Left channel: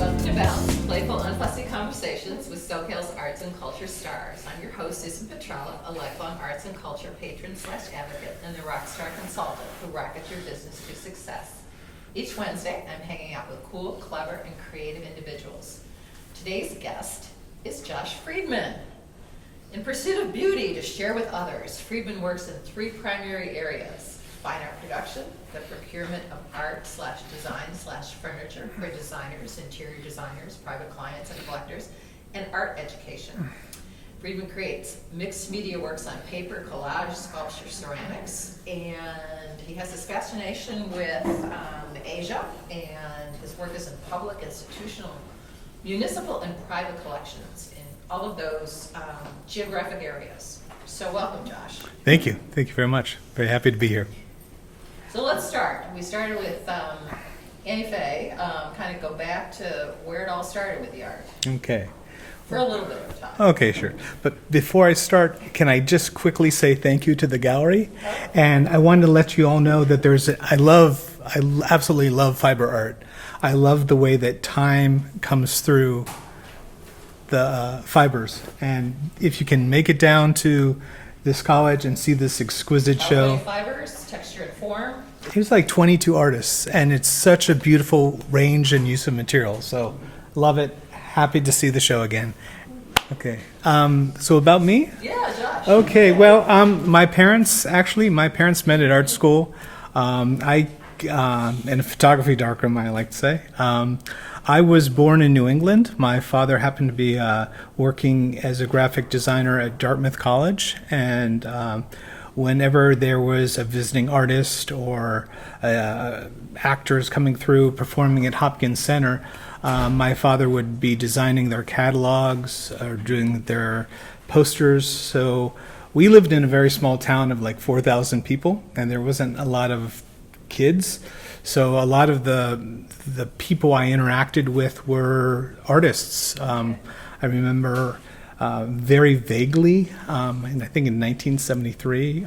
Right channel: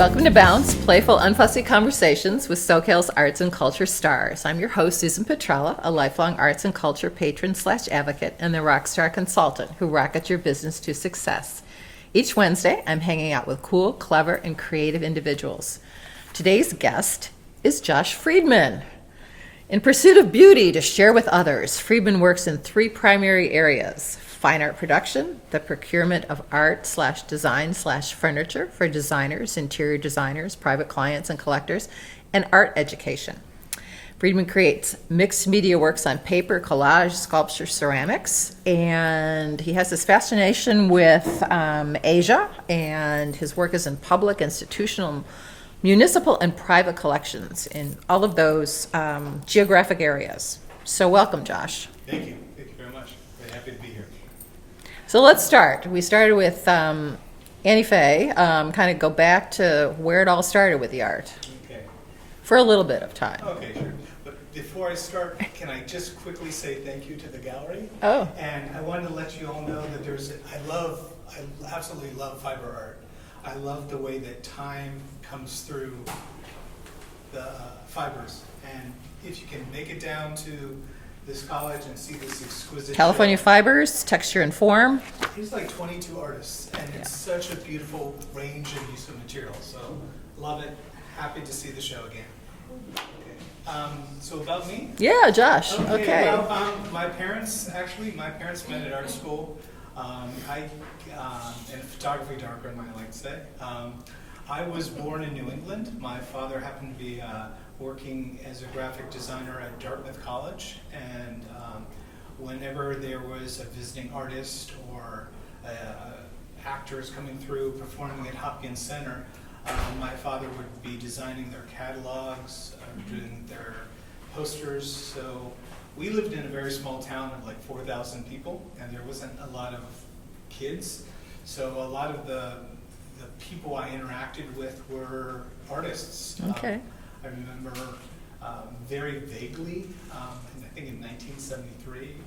Welcome to Bounce, playful, unfussy conversations with SoCal's arts and culture stars. I'm your host, Susan Petrella, a lifelong arts and culture patron / advocate and the rock star consultant who rockets your business to success. Each Wednesday, I'm hanging out with cool, clever, and creative individuals. Today's guest is Josh Friedman. In pursuit of beauty to share with others, Friedman works in 3 primary areas: fine art production, the procurement of art / design / furniture for designers, interior designers, private clients, and collectors, and art education. Friedman creates mixed media works on paper, collage, sculpture, ceramics, and he has this fascination with Asia, and his work is in public, institutional, municipal, and private collections in all of those geographic areas. So welcome, Josh. Thank you. Thank you very much. Very happy to be here. So let's start. We started with Annie Faye, kind of go back to where it all started with the art Okay. for a little bit of time. Okay, sure. But before I start, can I just quickly say thank you to the gallery? Oh. And I wanted to let you all know that I absolutely love fiber art. I love the way that time comes through the fibers. And if you can make it down to this college and see this exquisite California show. fibers, texture and form. It was like 22 artists, and it's such a beautiful range and use of material. So love it. Happy to see the show again. Okay. So about me? Yeah, Josh. Okay. Well, my parents met at art school. In a photography darkroom, I like to say. I was born in New England. My father happened to be working as a graphic designer at Dartmouth College, and whenever there was a visiting artist or actors coming through performing at Hopkins Center, my father would be designing their catalogs or doing their posters. So we lived in a very small town of like 4,000 people, and there wasn't a lot of kids. So a lot of the people I interacted with were artists. Okay. I remember very vaguely, and I think in 1973,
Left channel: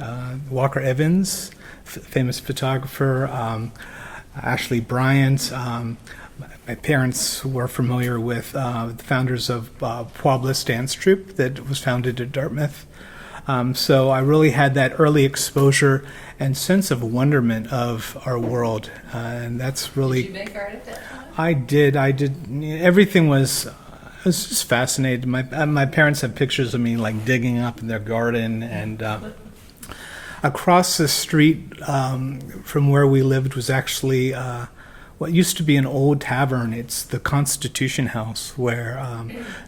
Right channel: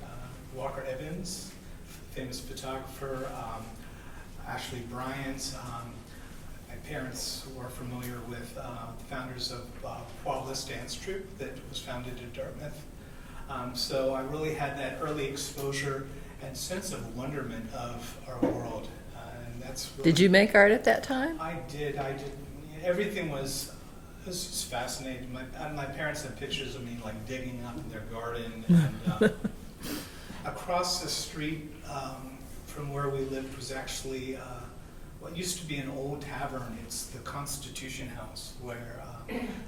Walker Evans, famous photographer, Ashley Bryant. My parents were familiar with the founders of Pueblos Dance Troupe that was founded at Dartmouth. So I really had that early exposure and sense of wonderment of our world, and that's really. Did you make art at that time? I did. Everything was. I was just fascinated. My parents have pictures of me like digging up in their garden, and across the street from where we lived was actually what used to be an old tavern. It's the Constitution House, where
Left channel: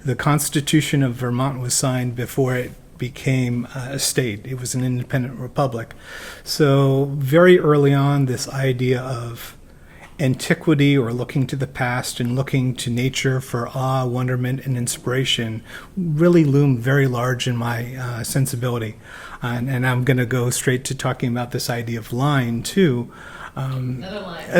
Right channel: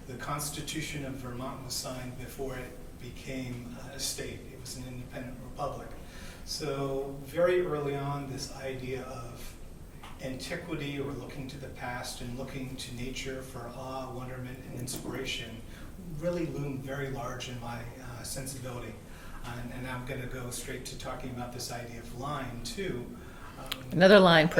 the Constitution of Vermont was signed before it became a state. It was an independent republic. So very early on, this idea of antiquity or looking to the past and looking to nature for awe, wonderment, and inspiration really loomed very large in my sensibility. And I'm going to go straight to talking about this idea of line, too. Another line.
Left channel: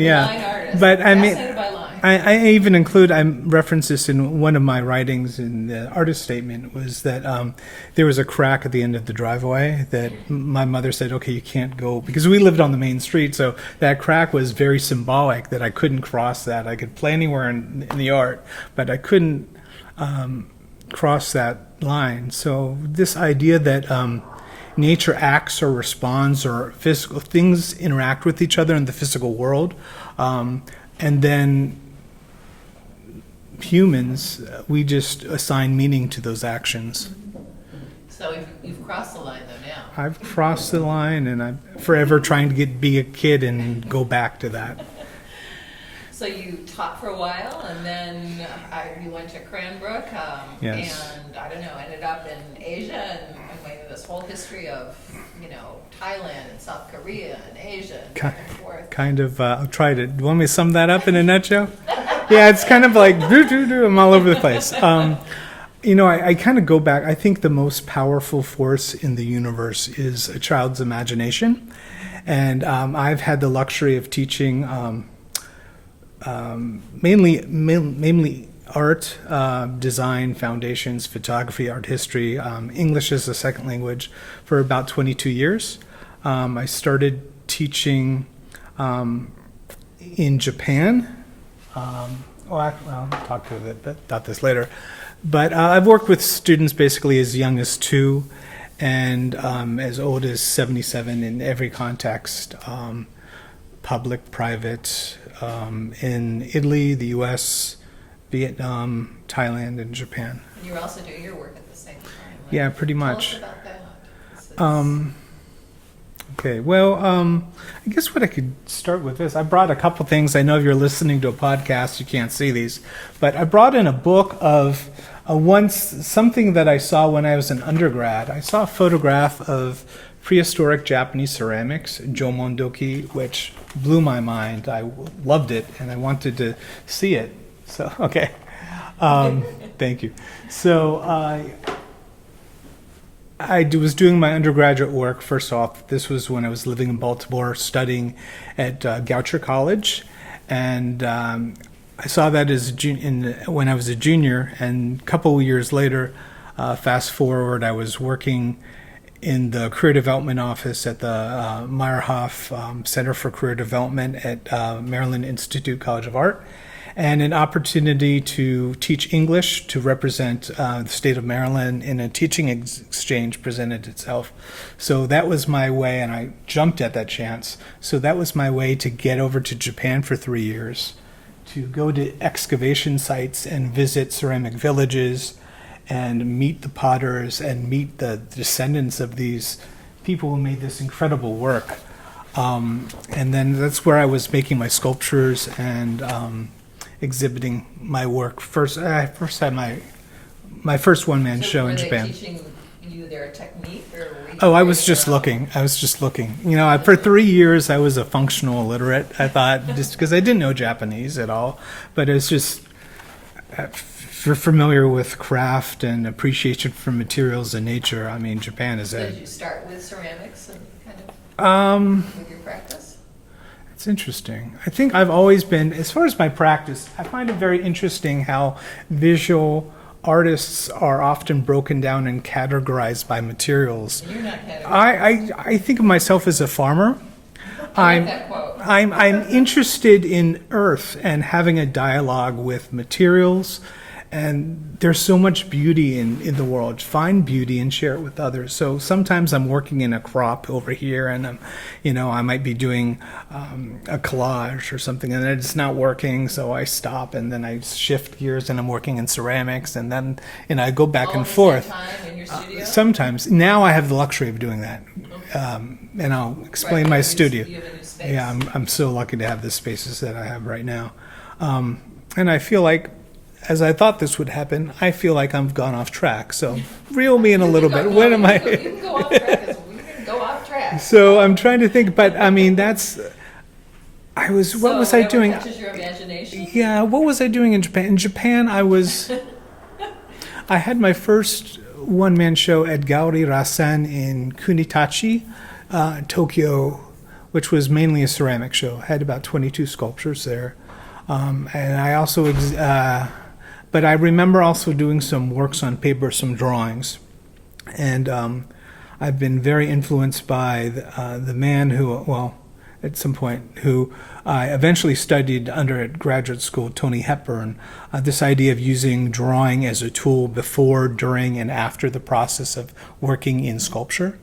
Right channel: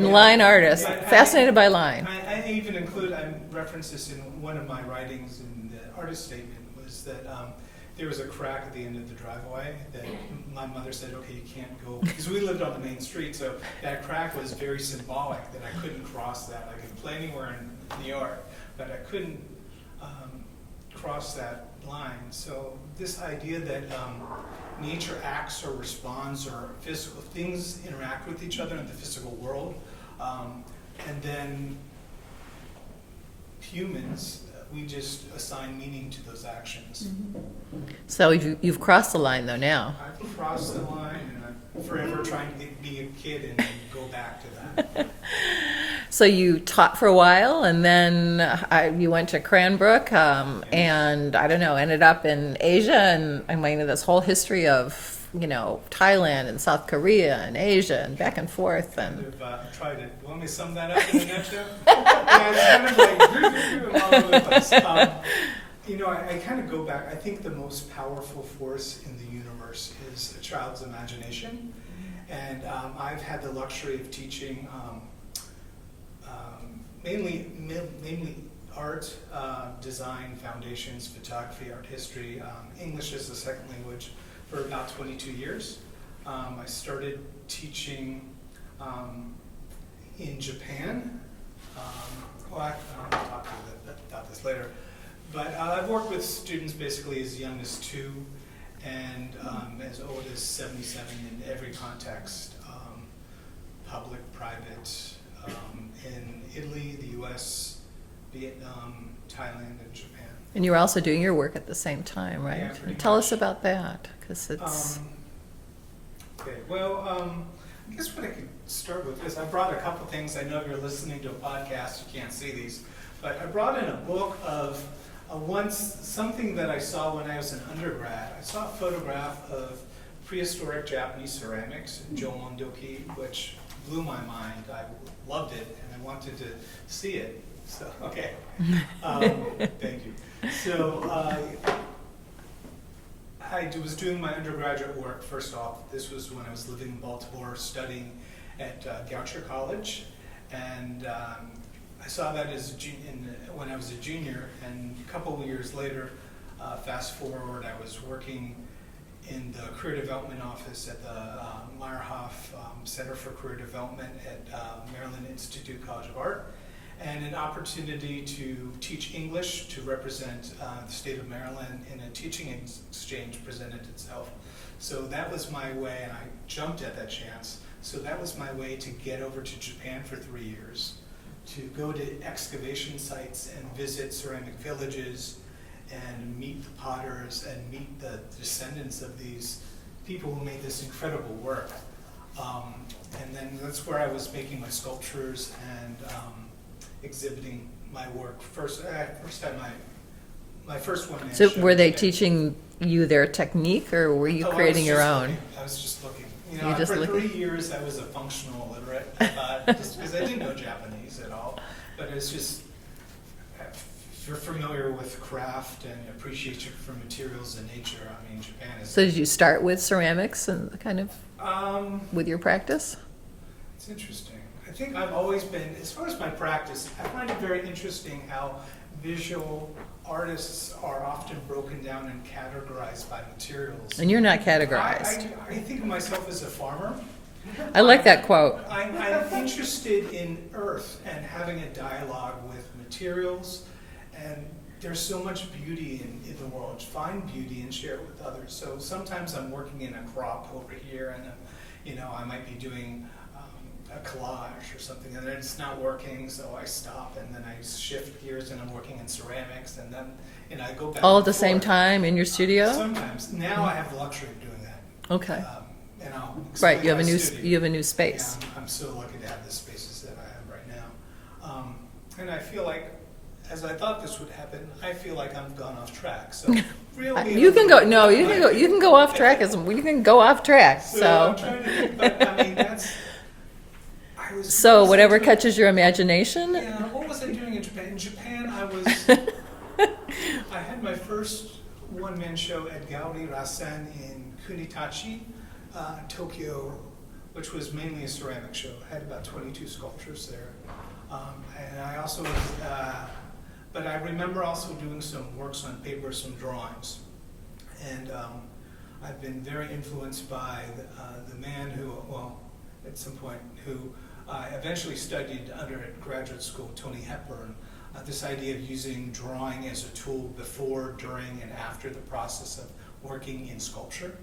Yeah. Line artist. But fascinated by line. I even include, I reference this in one of my writings in the artist statement, was that there was a crack at the end of the driveway that my mother said, okay, you can't go, because we lived on the main street, so that crack was very symbolic that I couldn't cross that. I could play anywhere in the art, but I couldn't cross that line. So this idea that nature acts or responds, or physical things interact with each other in the physical world, and then humans, we just assign meaning to those actions. So you've crossed the line, though, now. I've crossed the line, and I'm forever trying to be a kid and go back to that. So you taught for a while, and then you went to Cranbrook, Yes. and I don't know, ended up in Asia, and I'm into this whole history of, Thailand and South Korea and Asia and back and forth. Kind of, I'll try to. Do you want me to sum that up in a nutshell? Yeah, it's kind of like, I'm all over the place. I kind of go back. I think the most powerful force in the universe is a child's imagination. And I've had the luxury of teaching mainly art, design, foundations, photography, art history, English as a second language for about 22 years. I started teaching in Japan I'll talk about this later. But I've worked with students basically as young as 2 and as old as 77 in every context, public, private, in Italy, the U.S., Vietnam, Thailand, and Japan. And you were also doing your work at the same time, right? Yeah, pretty much. Tell us about that. 'Cause it's... Okay, well, I guess what I could start with is I brought a couple things. I know if you're listening to a podcast, you can't see these, but I brought in a book of something that I saw when I was an undergrad. I saw a photograph of prehistoric Japanese ceramics, Jomondoki, which blew my mind. I loved it, and I wanted to see it. So, okay. Thank you. So, I was doing my undergraduate work. First off, this was when I was living in Baltimore, studying at Goucher College, and I saw that as when I was a junior. And a couple of years later, fast forward, I was working in the Career Development Office at the Meyerhoff Center for Career Development at Maryland Institute College of Art, and an opportunity to teach English to represent the state of Maryland in a teaching exchange presented itself. So that was my way, and I jumped at that chance. So that was my way to get over to Japan for 3 years, to go to excavation sites and visit ceramic villages and meet the potters and meet the descendants of these people who made this incredible work. And then that's where I was making my sculptures and exhibiting my work. I first had my first one-man show in Japan. Were they teaching you their technique, or were you I was creating your just own? looking. I was just looking. You know, for 3 years I was a functional illiterate, I thought, just because I didn't know Japanese at all. But it's just, if you're familiar with craft and appreciation for materials and nature, I mean, Japan is So did you start with ceramics and kind of with your practice? It's interesting. I think I've always been, as far as my practice, I find it very interesting how visual artists are often broken down and categorized by materials. And you're not categorized. I think of myself as a farmer. I like that quote. I'm interested in earth and having a dialogue with materials. And there's so much beauty in the world. Find beauty and share it with others. So sometimes I'm working in a crop over here, and I might be doing a collage or something, and it's not working, so I stop, and then I shift gears, and I'm working in ceramics, and then I go back all and at the forth. same time in your studio. Sometimes. Now I have the luxury of doing that. Okay. And I'll explain Right, you my have a new- studio. You have a new space. Yeah, I'm so lucky to have the spaces that I have right now, and I feel like, as I thought this would happen, I feel like I've gone off track. So reel me in a little bit. No, What you am can, I- you can go off track. You can go off track. So I'm trying to think, but I mean, what was I whatever doing? catches your imagination. Yeah, what was I doing in Japan? In Japan, I had my first one-man show at Gauri Rasen in Kunitachi, Tokyo, which was mainly a ceramic show. I had about 22 sculptures there. And I also, but I remember also doing some works on paper, some drawings. And I've been very influenced by the man who, at some point, who I eventually studied under at graduate school, Tony Hepburn, this idea of using drawing as a tool before, during, and after the process of working in sculpture.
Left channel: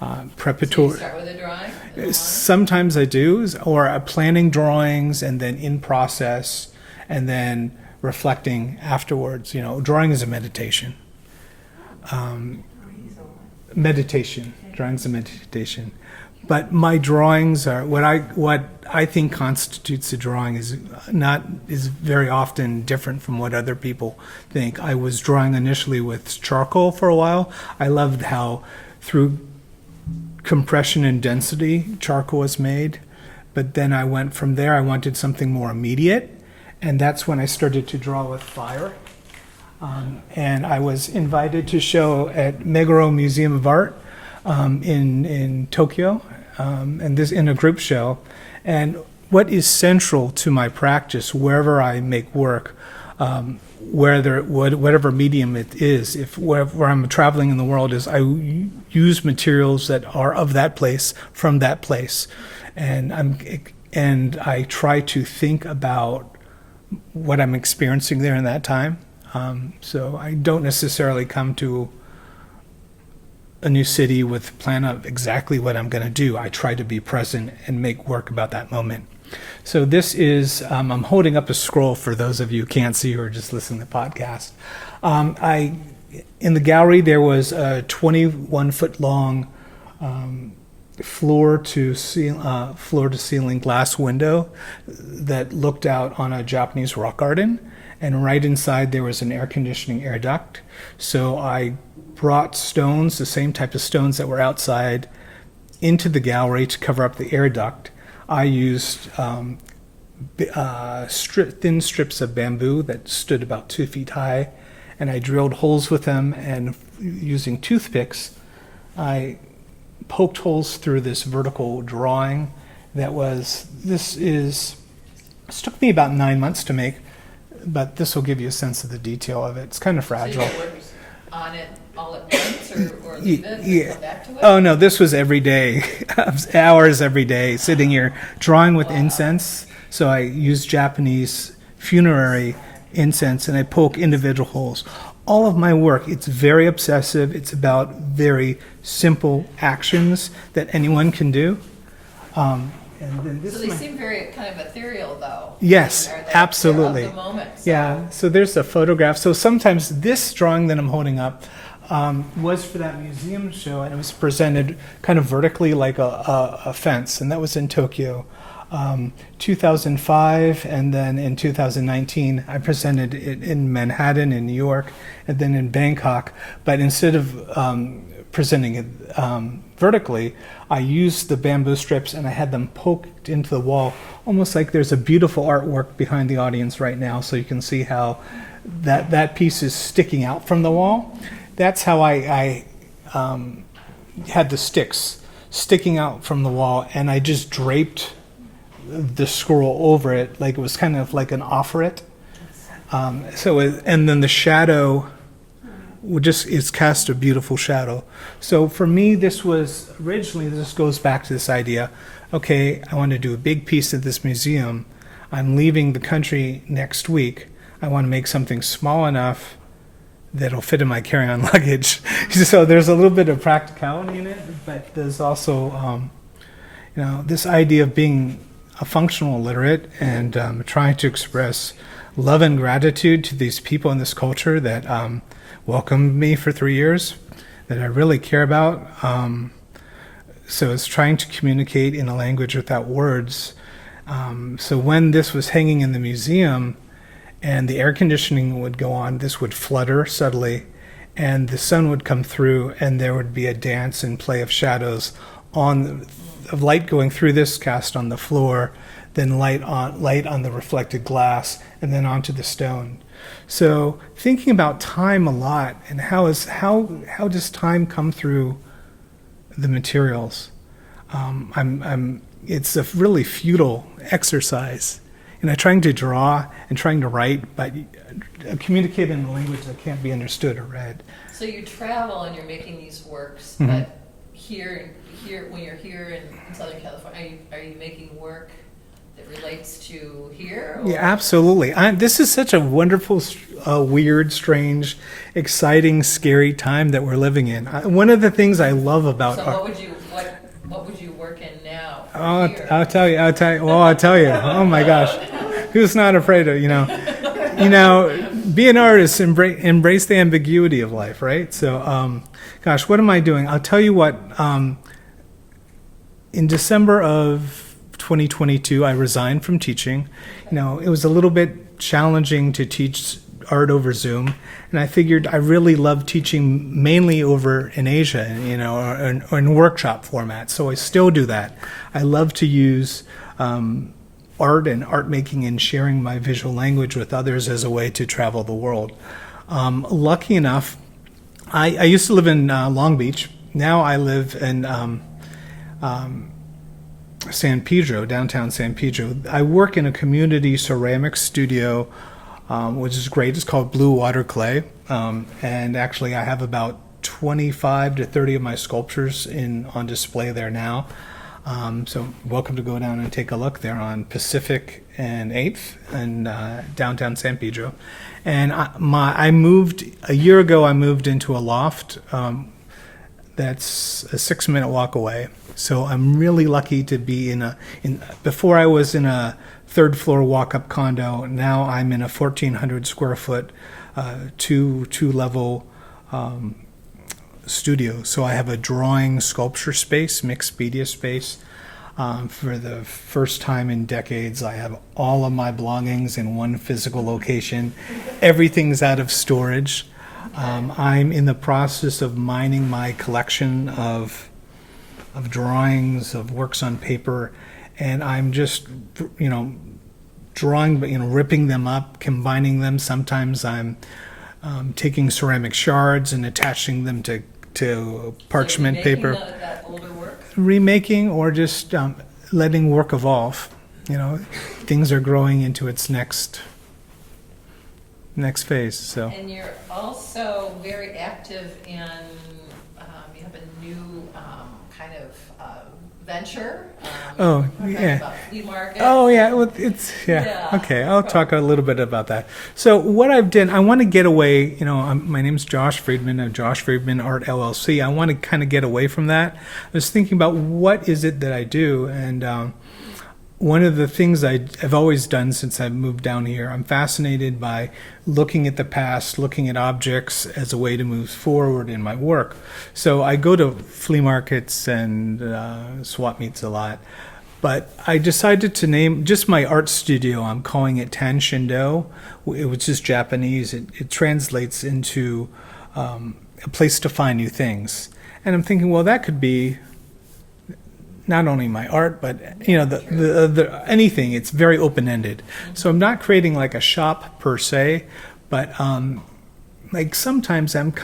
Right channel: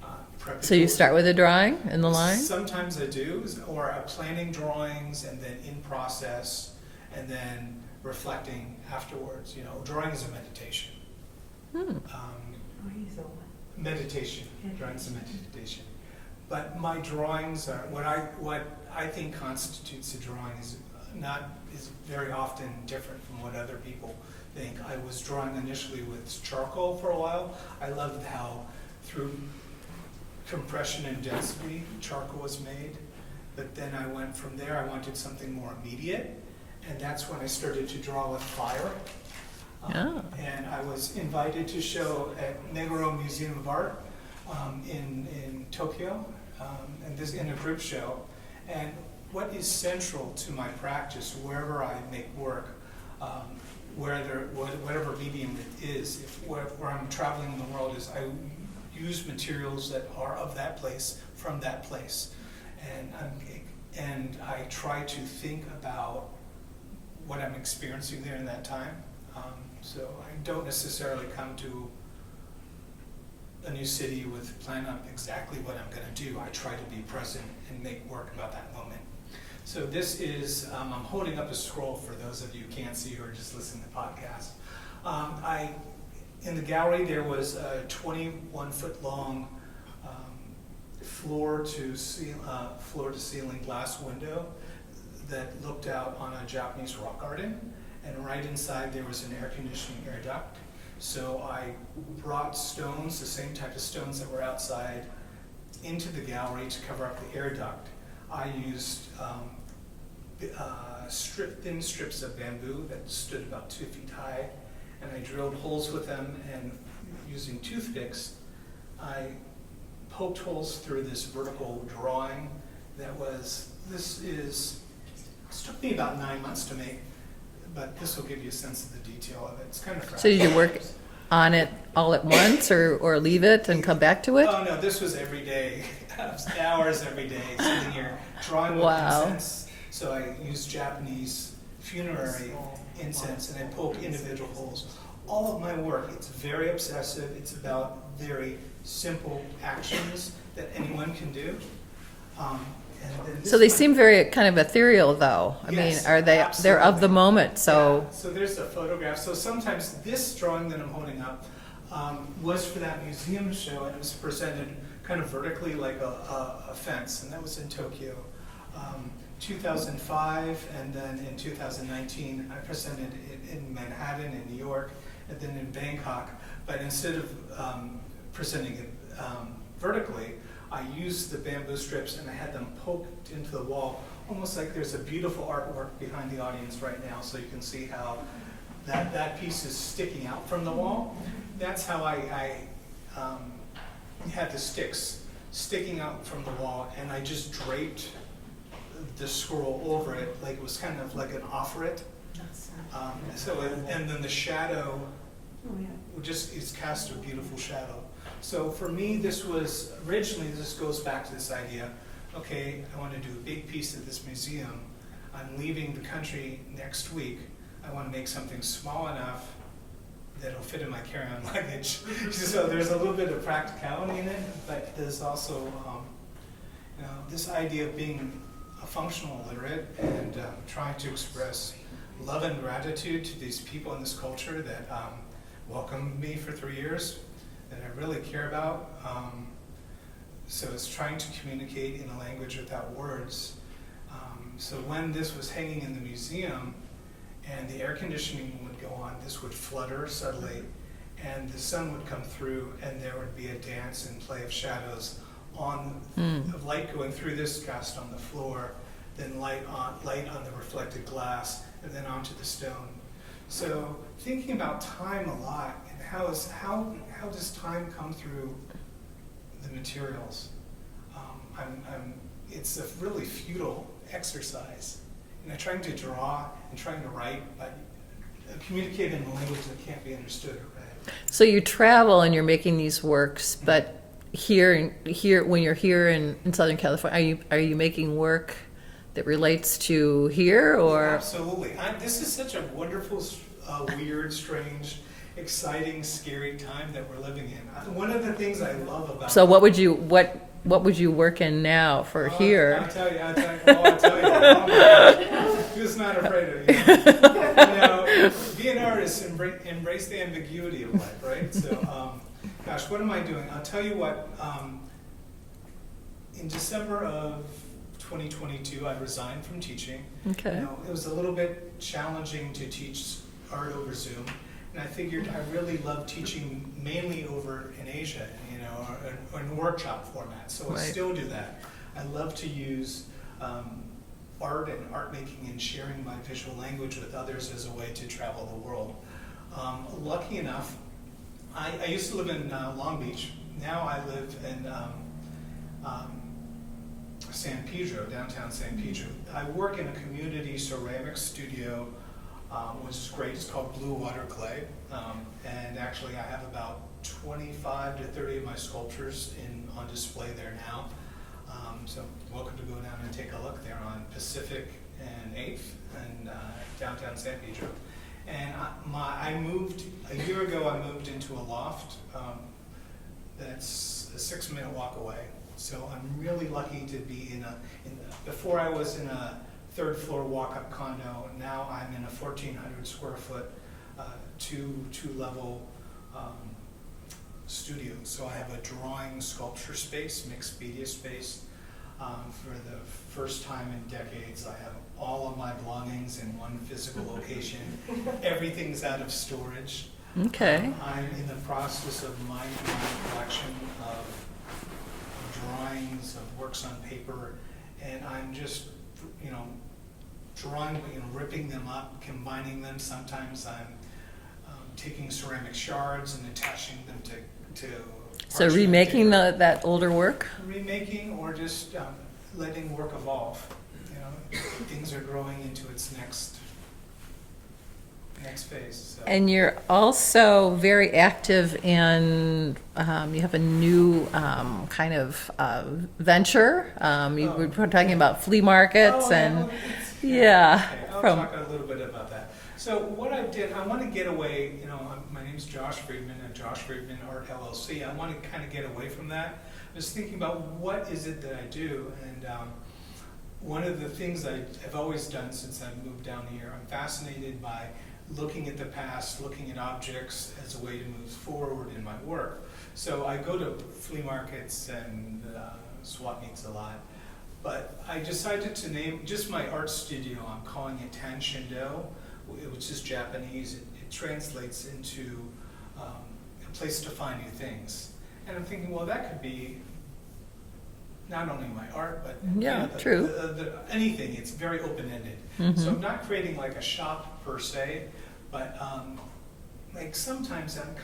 So you start with a drawing in the line? Sometimes I do, or planning drawings and then in process and then reflecting afterwards. Drawing is a meditation. Drawing's a meditation. But my drawings are what I think constitutes a drawing is very often different from what other people think. I was drawing initially with charcoal for a while. I loved how through compression and density charcoal was made, but then I went from there. I wanted something more immediate, and that's when I started to draw with fire. And I was invited to show at Meguro Museum of Art in Tokyo, and this in a group show. And what is central to my practice wherever I make work, whatever medium it is, where I'm traveling in the world, is I use materials that are of that place, from that place, and I try to think about what I'm experiencing there in that time. So I don't necessarily come to a new city with a plan of exactly what I'm going to do. I try to be present and make work about that moment. So this is, I'm holding up a scroll for those of you who can't see or just listen to the podcast. In the gallery, there was a 21-foot long floor to ceiling glass window that looked out on a Japanese rock garden. And right inside there was an air conditioning air duct. So I brought stones, the same type of stones that were outside, into the gallery to cover up the air duct. I used thin strips of bamboo that stood about 2 feet high, and I drilled holes with them, and using toothpicks, I poked holes through this vertical drawing this took me about 9 months to make, but this will give you a sense of the detail of it. It's kind of fragile. So you work on it all at once or leave it and come back to it? Oh no, this was every day, hours every day, sitting here drawing with Wow. incense. So I use Japanese funerary incense and I poke individual holes. All of my work, it's very obsessive. It's about very simple actions that anyone can do. And then So they seem very kind of ethereal, though. Yes, are they? absolutely. They're of the moment. So Yeah, so there's a photograph. So sometimes this drawing that I'm holding up was for that museum show, and it was presented kind of vertically like a fence, and that was in Tokyo. 2005, and then in 2019 I presented it in Manhattan in New York, and then in Bangkok. But instead of presenting it vertically, I used the bamboo strips and I had them poked into the wall, almost like there's a beautiful artwork behind the audience right now, so you can see how that piece is sticking out from the wall. That's how I had the sticks sticking out from the wall, and I just draped the scroll over it, like it was kind of like an offeret. And then the shadow it's cast a beautiful shadow. So for me, this goes back to this idea, okay, I want to do a big piece of this museum. I'm leaving the country next week. I want to make something small enough that'll fit in my carry-on luggage. So there's a little bit of practicality in it, but there's also, this idea of being a functional literate and trying to express love and gratitude to these people in this culture that welcomed me for 3 years, that I really care about. So it's trying to communicate in a language without words. So when this was hanging in the museum and the air conditioning would go on, this would flutter subtly, and the sun would come through, and there would be a dance and play of shadows of light going through this cast on the floor, then light on the reflected glass, and then onto the stone. So thinking about time a lot, and how does time come through the materials? It's a really futile exercise, trying to draw and trying to write, but communicate in a language that can't be understood or read. So you travel and you're making these works, Mm-hmm. but here when you're here in Southern California, are you making work that relates to here? Or? Yeah, absolutely. This is such a wonderful, weird, strange, exciting, scary time that we're living in. One of the things I love about what would you work in now for here? I'll tell you. Well, I'll tell you. Oh my gosh, who's not afraid of be an artist, embrace the ambiguity of life, right? So, gosh, what am I doing? I'll tell you what. In December of 2022, I resigned from teaching. Okay. It was a little bit challenging to teach art over Zoom, and I figured I really love teaching mainly over in Asia, or in workshop format. So I still do that. I love to use art and art making and sharing my visual language with others as a way to travel the world. Lucky enough, I used to live in Long Beach. Now I live in San Pedro, downtown San Pedro. I work in a community ceramics studio, which is great. It's called Blue Water Clay. And actually I have about 25 to 30 of my sculptures on display there now. So welcome to go down and take a look there on Pacific and 8th in downtown San Pedro. And I moved, a year ago, I moved into a loft that's a 6-minute walk away. So I'm really lucky to be before I was in a 3rd floor walk-up condo. Now I'm in a 1,400 square foot, two level studio. So I have a drawing sculpture space, mixed media space. For the first time in decades, I have all of my belongings in one physical location. Everything's out of storage. Okay. I'm in the process of mining my collection of drawings, of works on paper, and I'm just, drawing, ripping them up, combining them. Sometimes I'm taking ceramic shards and attaching them to parchment remaking paper. that older work? Remaking, or just letting work evolve. Things are growing into its next phase. So. And you're also very active in, you have a new kind of venture. You were talking about flea markets. Oh, yeah. and- Well, Yeah. Okay, I'll talk a little bit about that. So what I've done, I want to get away, my name's Josh Friedman of Josh Friedman Art LLC. I want to kind of get away from that. I was thinking about what is it that I do, and one of the things I've always done since I moved down here, I'm fascinated by looking at the past, looking at objects as a way to move forward in my work. So I go to flea markets and swap meets a lot. But I decided to name just my art studio, I'm calling it Tan Shindo, which is Japanese. It translates into a place to find new things. And I'm thinking, well, that could be not only my art, but the anything. It's very open-ended. Mm-hmm. So I'm not creating like a shop per se, but like sometimes I've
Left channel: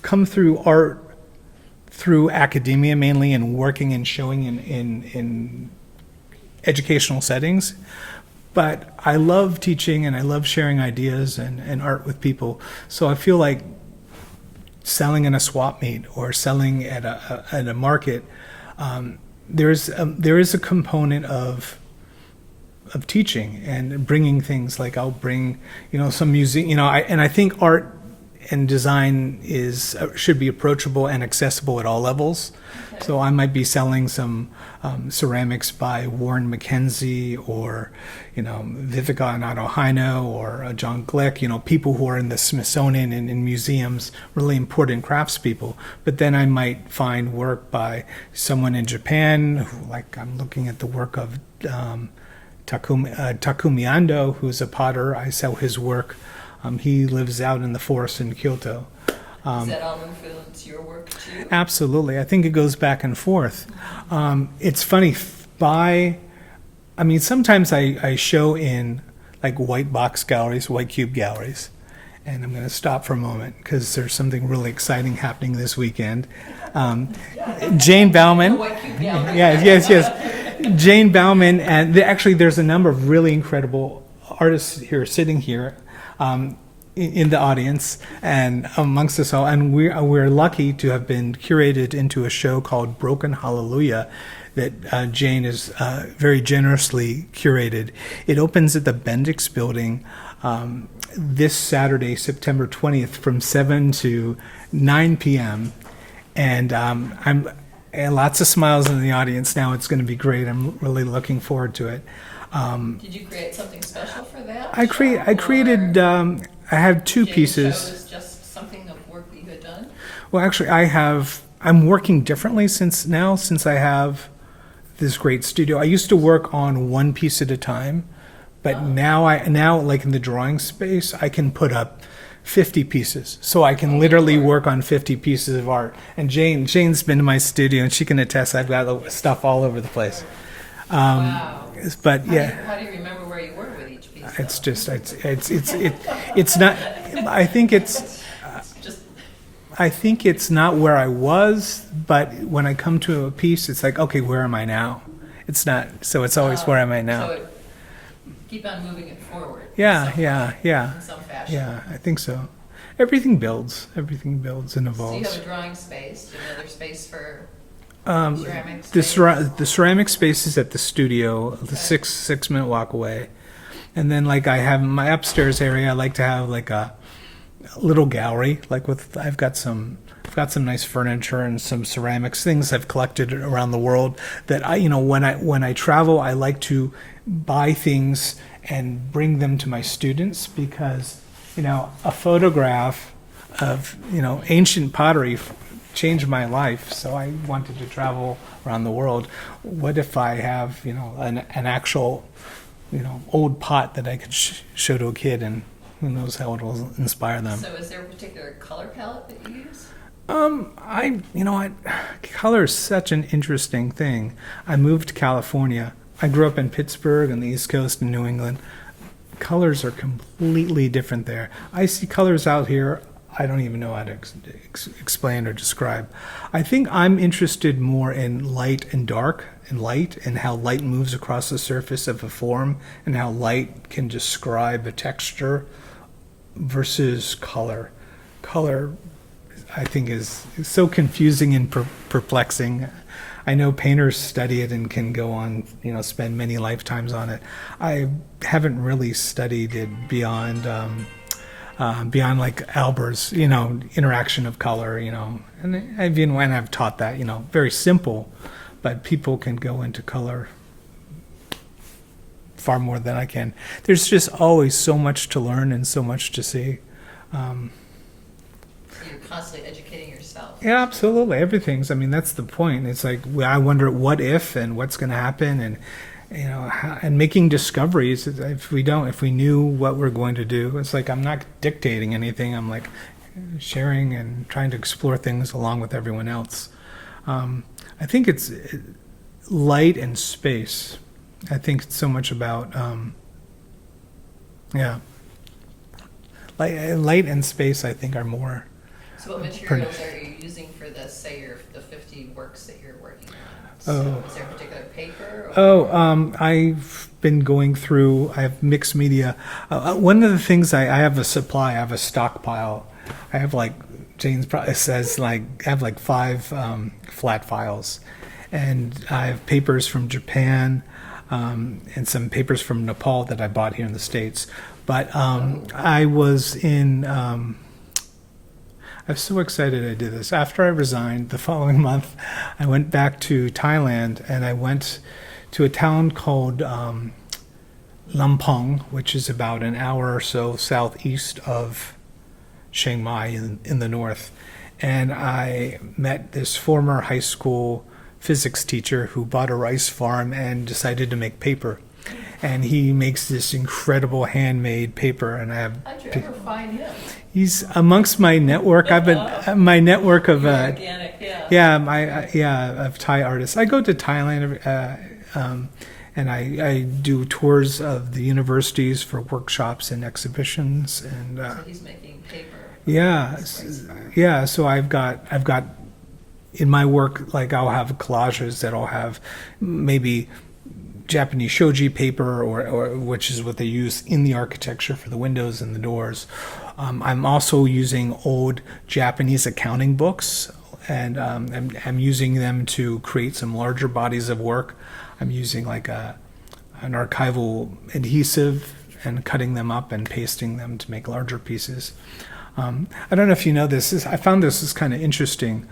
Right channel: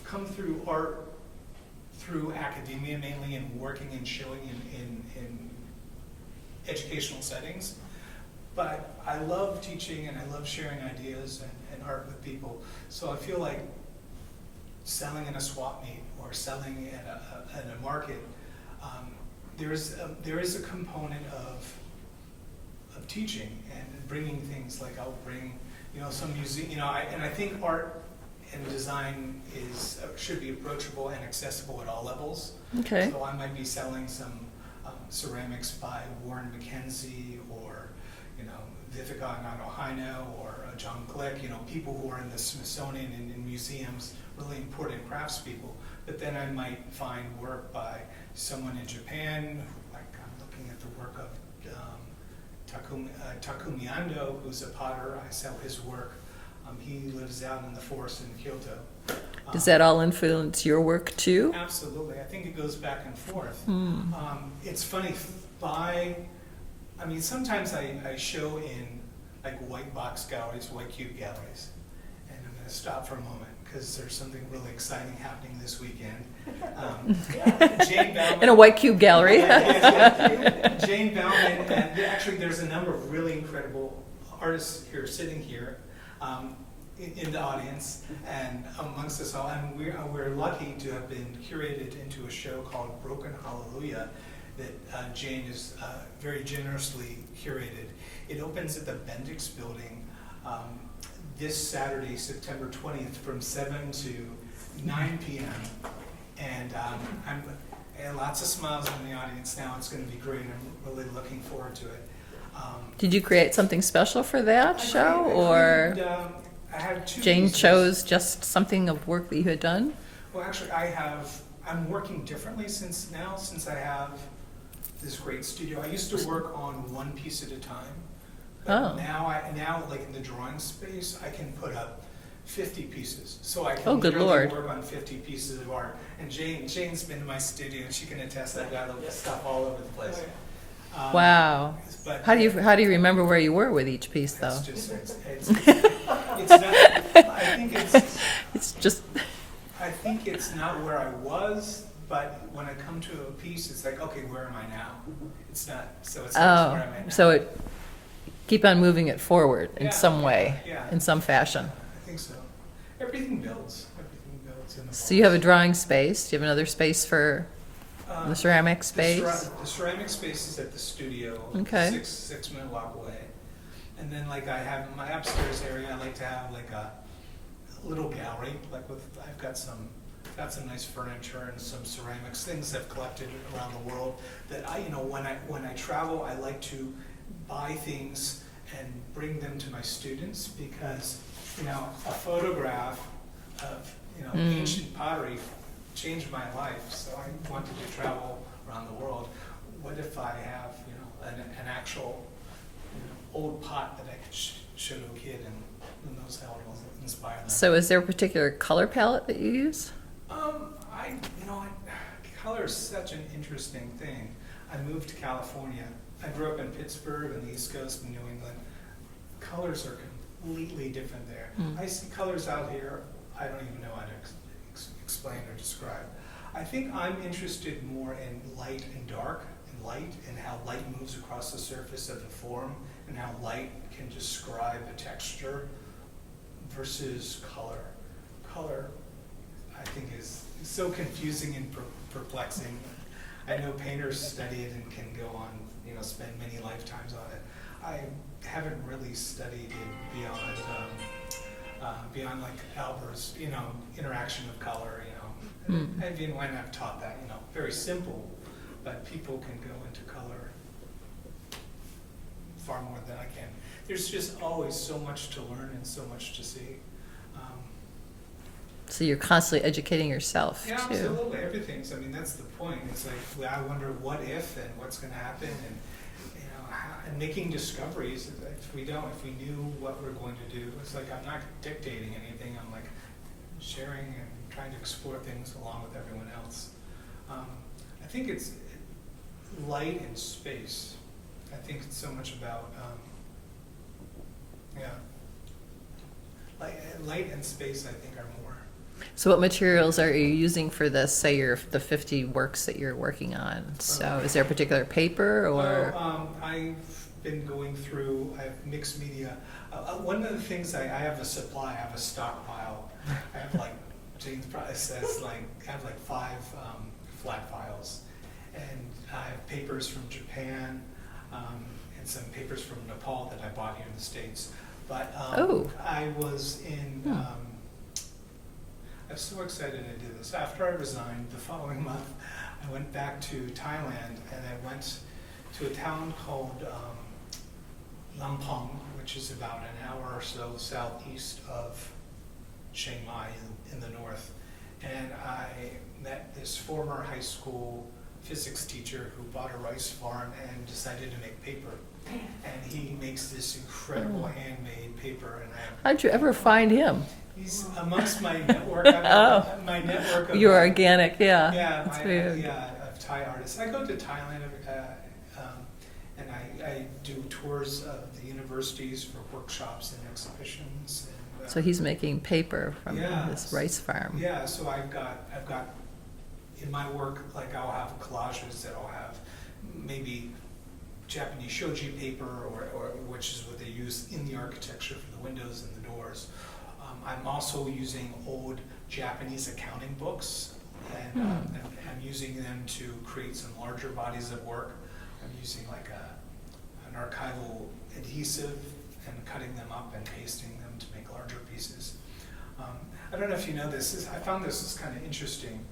come through art through academia mainly, and working and showing in educational settings. But I love teaching and I love sharing ideas and art with people. So I feel like selling in a swap meet or selling at a market, there is a component of teaching and bringing things. Like I'll bring some music, and I think art and design should be approachable and accessible at all levels. Okay. So I might be selling some ceramics by Warren McKenzie or Vivica Nato-Hino or John Glick, people who are in the Smithsonian and in museums, really important craftspeople. But then I might find work by someone in Japan, I'm looking at the work of Takumi Ando, who's a potter. I sell his work. He lives out in the forest in Kyoto. Does that all influence your work too? Absolutely. I think it goes back and forth. It's funny, sometimes I show in like white box galleries, white cube galleries, and I'm going to stop for a moment because there's something really exciting happening this weekend. Jane Bauman. In a white cube gallery. Yeah, yes. Jane Bauman, and actually there's a number of really incredible artists here, sitting here, in the audience and amongst us all, and we're lucky to have been curated into a show called Broken Hallelujah that Jane is very generously curated. It opens at the Bendix Building this Saturday, September 20th, from 7 to 9 p.m. And and lots of smiles in the audience now. It's going to be great. I'm really looking forward to it. Did you create something special for that I created. I have two Jane pieces. chose just something of work that you had done? Well, actually, I'm working differently since I have this great studio. I used to work on one piece at a time, but now like in the drawing space, I can put up 50 pieces. So I can literally work on 50 pieces of art. And Jane's been to my studio, and she can attest I've got stuff all over the place. Wow. But how do you remember where you were with each piece, though? It's just it's not. I think it's not where I was, but when I come to a piece, it's like, okay, where am I now? It's not. So it's always where am I now? So keep on moving it forward in some way, in some fashion. Yeah, I think so. Everything builds and evolves. So you have a drawing space. Do you have another space for The ceramic The, space? the ceramic space is at the studio, Okay. six minute walk away. And then like I have my upstairs area, I like to have like a little gallery, like I've got some nice furniture and some ceramics, things I've collected around the world that when I travel, I like to buy things and bring them to my students because, a photograph of, ancient pottery changed my life. So I wanted to travel around the world. What if I have, an actual, old pot that I could show to a kid, and who knows how it will inspire them. So is there a particular color palette that you use? Color is such an interesting thing. I moved to California. I grew up in Pittsburgh on the East Coast in New England. Colors are completely different there. I see colors out here I don't even know how to explain or describe. I think I'm interested more in light and dark and light and how light moves across the surface of a form and how light can describe a texture versus color. Color, I think, is so confusing and perplexing. I know painters study it and can go on, spend many lifetimes on it. I haven't really studied it beyond like Albert's, interaction of color, and even when I've taught that, very simple, but people can go into color far more than I can. There's just always so much to learn and so much to see. So you're constantly educating yourself. Yeah, too. absolutely. Everything's, that's the point. It's like, I wonder what if and what's going to happen, and and making discoveries. If we knew what we're going to do, it's like I'm not dictating anything. I'm like sharing and trying to explore things along with everyone else. I think it's light and space. I think it's so much about light and space. I think are more. So what materials are you using for this, say the 50 works that you're working on? So is there a particular paper? Or? I've been going through, I have mixed media. One of the things I have a supply, I have a stockpile. I have like, James probably says, I have like 5 flat files. And I have papers from Japan and some papers from Nepal that I bought here in the States. But I was in... I was so excited I did this. After I resigned the following month, I went back to Thailand and I went to a town called Lampong, which is about an hour or so southeast of Chiang Mai in the north. And I met this former high school physics teacher who bought a rice farm and decided to make paper. And he makes this incredible handmade paper, and I have. How'd you ever find him? He's amongst my network. I've been my network of. You're organic, yeah. Yeah, of Thai artists. I go to Thailand, and I do tours of the universities for workshops and exhibitions, and. So he's making paper from this rice farm. Yeah, so I've got in my work, like I'll have collages that I'll have maybe Japanese shoji paper, or which is what they use in the architecture for the windows and the doors. I'm also using old Japanese accounting books, and I'm using them to create some larger bodies of work. I'm using like an archival adhesive and cutting them up and pasting them to make larger pieces. I don't know if you know this. I found this is kind of interesting.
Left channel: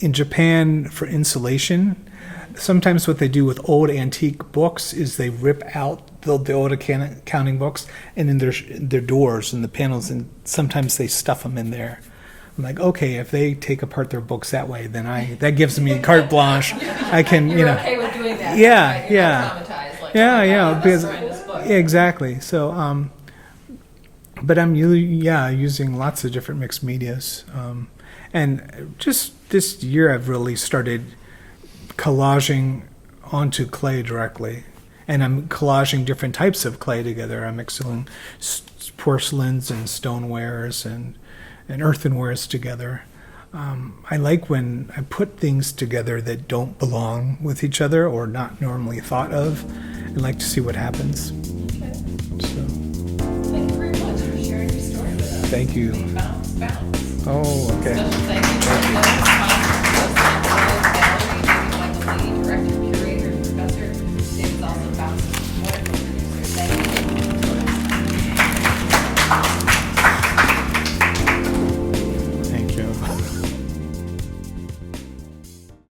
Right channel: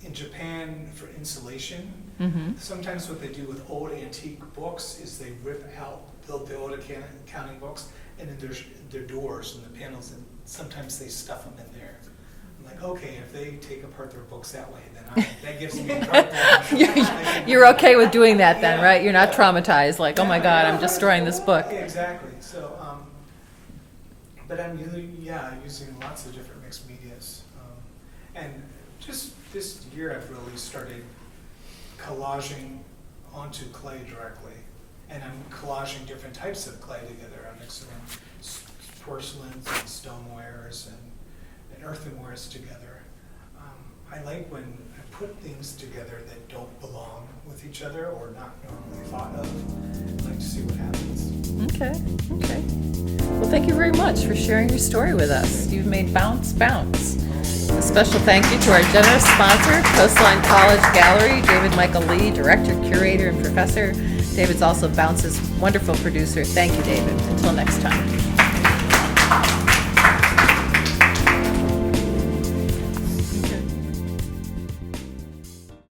In Japan, for insulation, sometimes what they do with old antique books is they rip out the old accounting books and in their doors and the panels, and sometimes they stuff them in there. I'm like, okay, if they take apart their books that way, then that gives me carte blanche. I can. You're okay with doing that, yeah, then, right? You're not traumatized, like, oh my God, I'm destroying this book. Yeah, exactly. So, but I'm using lots of different mixed medias. And just this year, I've really started collaging onto clay directly. And I'm collaging different types of clay together. I'm mixing porcelains and stonewares and earthenwares together. I like when I put things together that don't belong with each other or not normally thought of, and like to see what happens. Okay. Well, thank you very much for sharing your story with us. Thank you. You made bounce. Oh, okay. Special thank you to our generous sponsor, Coastline College Gallery, David Michael Lee, Director, Curator, and Professor. David's also Bounce's wonderful producer. Thank you, David. Until next time.